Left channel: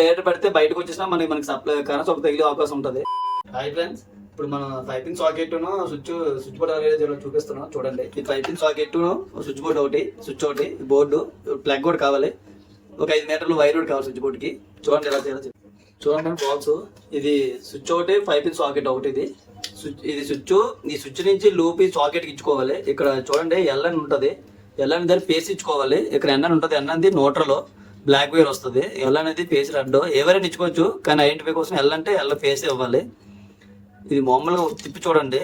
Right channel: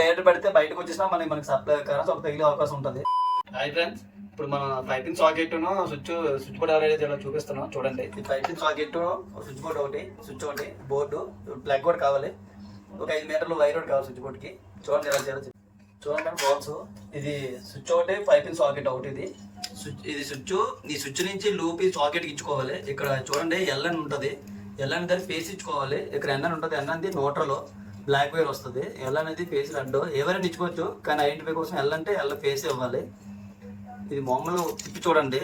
Direct పెడితే బయటకు వచ్చేసినా మనకి సప్లై కరెంట్ ఒక తగిలే అవకాశం ఉంటుంది. హాయ్ ఫ్రెండ్స్, ఇప్పుడు మన పైపింగ్ సాకెట్ స్విచ్ బోర్డ్ అనేది చూపిస్తున్నాం. చూడండి, ఈ పైపింగ్ సాకెట్ స్విచ్ బోర్డ్ ఒకటి, స్విచ్ ఒకటి, బోర్డు ప్లగ్ కూడా కావాలి. ఒక 5 మీటర్లు వైర్ కూడా కావాలి స్విచ్ బోర్డ్కి. చూడండి ఎలా చేయాలి. చూడండి బాక్స్, ఇది స్విచ్ ఒకటి, పైపింగ్ సాకెట్ ఒకటి. ఇది స్విచ్, ఈ స్విచ్ నుంచి లూప్ ఈ సాకెట్కి ఇచ్చుకోవాలి. ఇక్కడ చూడండి ఎల్ఎన్ ఉంటుంది, ఎల్ఎన్ దాన్ని ఫేస్ ఇచ్చుకోవాలి. ఇక్కడ ఎన్ఎన్ ఉంటుంది, ఎన్ఎన్ది నోట్రలో బ్లాక్ వైర్ వస్తుంది. ఎల్ అనేది ఫేస్ రెడ్, ఎవరైనా ఇచ్చుకోవచ్చు. కానీ ఐడెంటిఫై కోసం ఎల్ అంటే ఎల్ ఫేస్ ఇవ్వాలి. ఇది మామూలుగా తిప్పి చూడండి,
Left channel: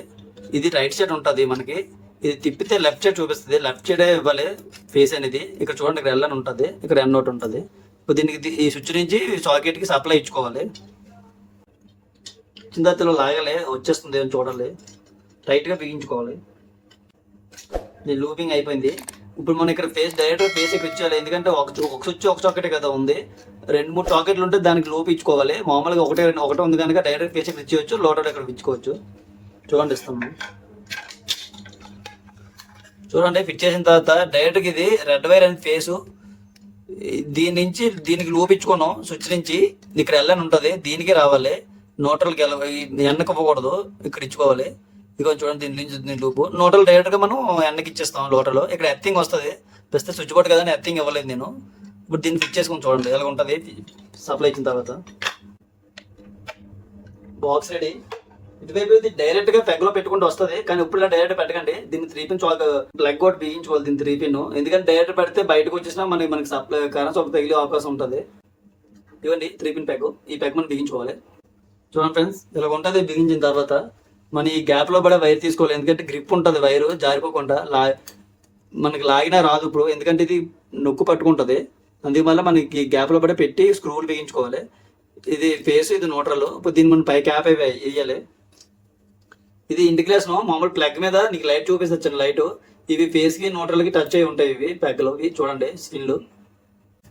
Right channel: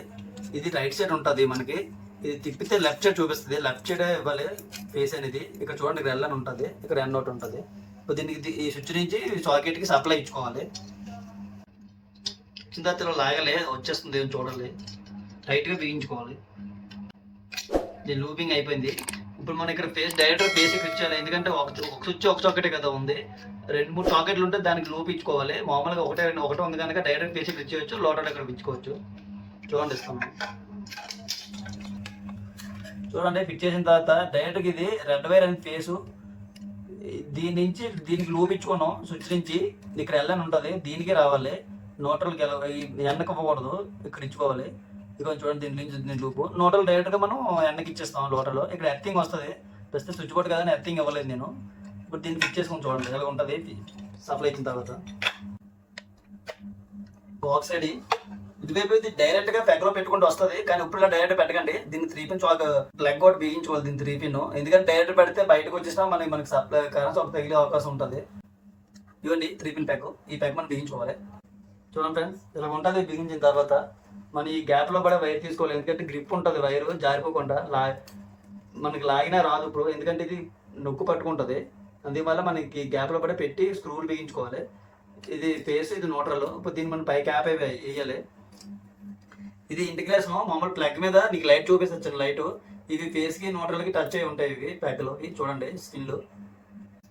ఇది రైట్ సైడ్ ఉంటుంది మనకి. ఇది తిప్పితే లెఫ్ట్ సైడ్ చూపిస్తుంది, లెఫ్ట్ సైడే ఇవ్వాలి ఫేస్ అనేది. ఇక్కడ చూడండి, ఇక్కడ ఎల్ అని ఉంటుంది, ఇక్కడ ఎన్ ఒకటి ఉంటుంది. ఇప్పుడు దీనికి ఈ స్విచ్ నుంచి సాకెట్కి సప్లై ఇచ్చుకోవాలి. చిందతలో లాగాలి, వచ్చేస్తుంది అని చూడాలి, టైట్గా బిగించుకోవాలి. ఇది లూపింగ్ అయిపోయింది. ఇప్పుడు మనం ఇక్కడ డైరెక్ట్గా ఫేస్ ఇక్కడ ఇచ్చాలి. ఎందుకంటే ఒక స్విచ్ ఒక సాకెటే కదా ఉంది, 2-3 సాకెట్లు ఉంటే దానికి లూప్ ఇచ్చుకోవాలి. మామూలుగా ఒకటే ఉంది కనుక డైరెక్ట్ ఫేస్ ఇక్కడ ఇచ్చేయచ్చు, లోటల్ ఇక్కడ ఇచ్చుకోవచ్చు. చూడండి, ఇస్తాము. చూడండి, ఫిట్ చేసిన తర్వాత డైరెక్ట్గా ఇది రెడ్ వైర్ అండ్ ఫేసు, దీని నుంచి దీనికి లూప్ ఇచ్చుకోను. స్విచ్ నుంచి ఇక్కడ ఎల్ఎన్ ఉంటుంది, దీనికి రావాలి. నోటల్కి ఎన్నకి ఇవ్వకూడదు, ఇక్కడ ఇచ్చుకోవాలి. ఇక చూడండి, దీని నుంచి దీని లూపు నోటల్ డైరెక్ట్గా మనం ఎన్నకి ఇచ్చేస్తాం. లోటలో ఇక్కడ ఎర్తింగ్ వస్తుంది, ప్రస్తుతం స్విచ్ బోర్డ్ కదా అని ఎర్తింగ్ ఇవ్వలేదు నేను. ఇప్పుడు దీన్ని ఫిట్ చేసుకొని చూడండి ఎలా ఉంటుంది సప్లై ఇచ్చిన తర్వాత. Box ready. ఇటువైపు ఇది డైరెక్ట్గా పెగ్లో పెట్టుకుంటూ వస్తుంది, కానీ ఇప్పుడు ఇలా డైరెక్ట్ పెట్టకండి. దీన్ని 3 పిన్ ప్లగ్ కూడా బిగించుకోవాలి, దీన్ని 3 పిన్. ఎందుకంటే డైరెక్ట్ పెడితే బయటకు వచ్చేసినా మనకి సప్లై కరెంట్ ఒక తగిలే అవకాశం ఉంటుంది. ఇవ్వండి 3 పిన్ ప్యాక్, ఈ ప్యాక్ మనం బిగించుకోవాలి. చూడండి ఫ్రెండ్స్, ఇలా ఉంటుంది. బిగించిన తర్వాత మన ఈ గ్యాప్లో కూడా వైర్ తీసుకోవాలి, ఎందుకంటే గ్రిప్ ఉంటుంది, వైరు జారిపోకుండా. మనకి లాగినా రాదు ఇప్పుడు, ఎందుకంటే ఇది నొక్కు పట్టుకుంటుంది. అందువల్ల మనకి గ్యాప్లో కూడా పెట్టి స్క్రూలు బిగించుకోవాలి. ఇది ఫేస్, ఇది న్యూట్రల్. ఇప్పుడు దీన్ని మనం పై క్యాప్ వేయాలి. ఇది ఇండికేషన్ మామూలు ప్లగ్ మీద నీకు లైట్ చూపిస్తుంది, లైట్. ఇవి ఫేస్కి న్యూట్రల్కి టచ్ అయి ఉంటాయి, ఇవి ప్యాక్లో. ఇవి చూడండి స్కిన్లు.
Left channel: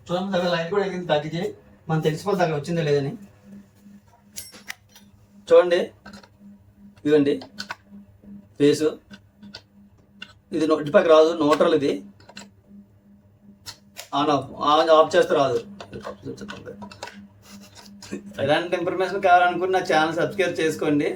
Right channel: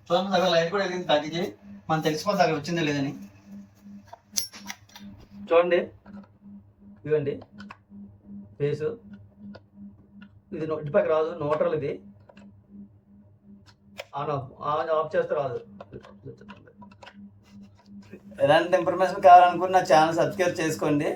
చూడండి, అక్కడ లైట్ కూడా ఎగిరింది తగ్గించి మనం తెలిసిపోతుంది అక్కడ వచ్చిందో లేదని. చూడండి, ఇవ్వండి ఫేసు. ఇది ఇటు పక్క రాదు, న్యూట్రల్. ఇది ఆఫ్ చేస్తే రాదు. ఎలాంటి ఇన్ఫర్మేషన్ కావాలనుకున్న నా ఛానల్ సబ్స్క్రైబ్ చేసుకోండి.